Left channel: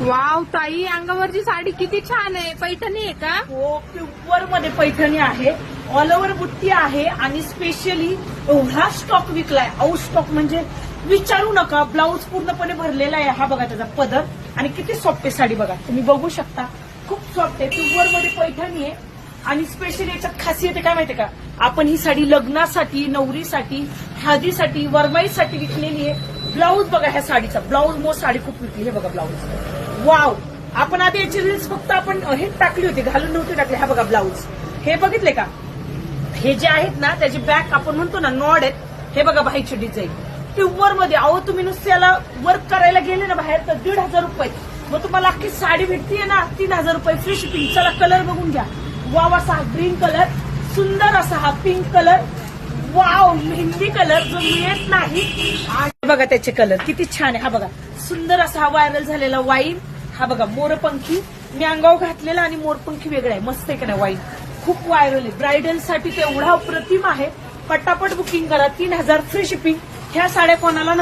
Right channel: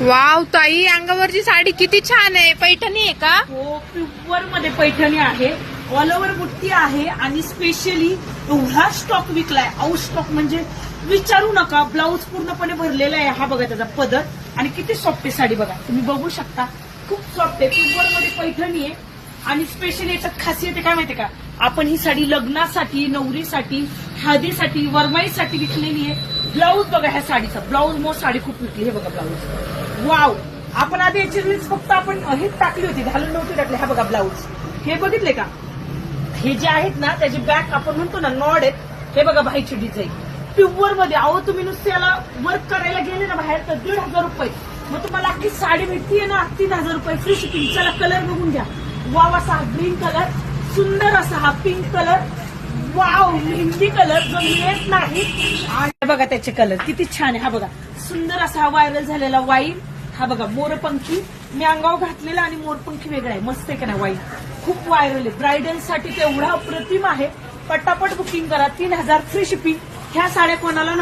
Wow ताई, अंगावरची साडी किती छान आहे. पैठणी आहे का? हो, प्युअर मध्ये पैठणी आहे, ऑल ओव्हर बुट्टी आहे आणि स्पेशली एवढा स्टॉक विकलाय. आउट स्टॉक म्हणजे विचारू नका. ब्लाऊज पूर्णपणे भरलेला आहे. हा बघा त्याचा पदर आणि किती सॉफ्ट आहे साडी बघा, तुम्ही बघू शकता. खूप सॉफ्ट आहे, प्युअर मध्ये पैठणी आहे. आणि स्पेशली याच्यात खासियत आहे काय माहितीये का, आपण ही साडी लग्नासाठी, नवरीसाठी, हळदीसाठी, वरमाईसाठी विकलेली आहे. ब्लाऊज बघा ह्या साडीचा, ब्लाऊज मग साडी खूप विकली. हे बघा ब्लाऊज, वाव. आपण आधी याची रील्स फक्त आपण हेच टाकली होती, घालून नव्हती टाकली. हा बघा ब्लाऊज, हे बघितले का, हे जे आहेत ना त्याची बॅक आपण म्हणतो ना नॉड आहेत. हे बघा बाईची डिझाईन प्युअर मध्ये. अहो तुम्ही नुसते याला वर्क करायला गेले ना बाहेर तर 1,500 रुपये, मग तुम्हाला अख्खी साडी भेटतीये ना 3,000 रुपये फ्री शिपिंग. चला कलर बघून घ्या. वाव असा हा ग्रीन कलर, सुंदर असा हा pink colour, wow mehndi colour जो मिळत नाही. आणि बघा त्याचे कलर किती छान आहे. हा बघा सुंदर असा हा व्हायरल झालेला वाईन. हा बघा मोरपंखी, मी अंगावर घातलेला आणि मोरपंखी वेगळा आहे, मस्त आहे का ना वाईन. खूप व्हायरल आहे, ब्रायडल साठी तेवढा अप्रतिम आहे. पटापट बुकिंग करा. 3,000 फ्री शिपिंग. ह्या साड्या कोणाला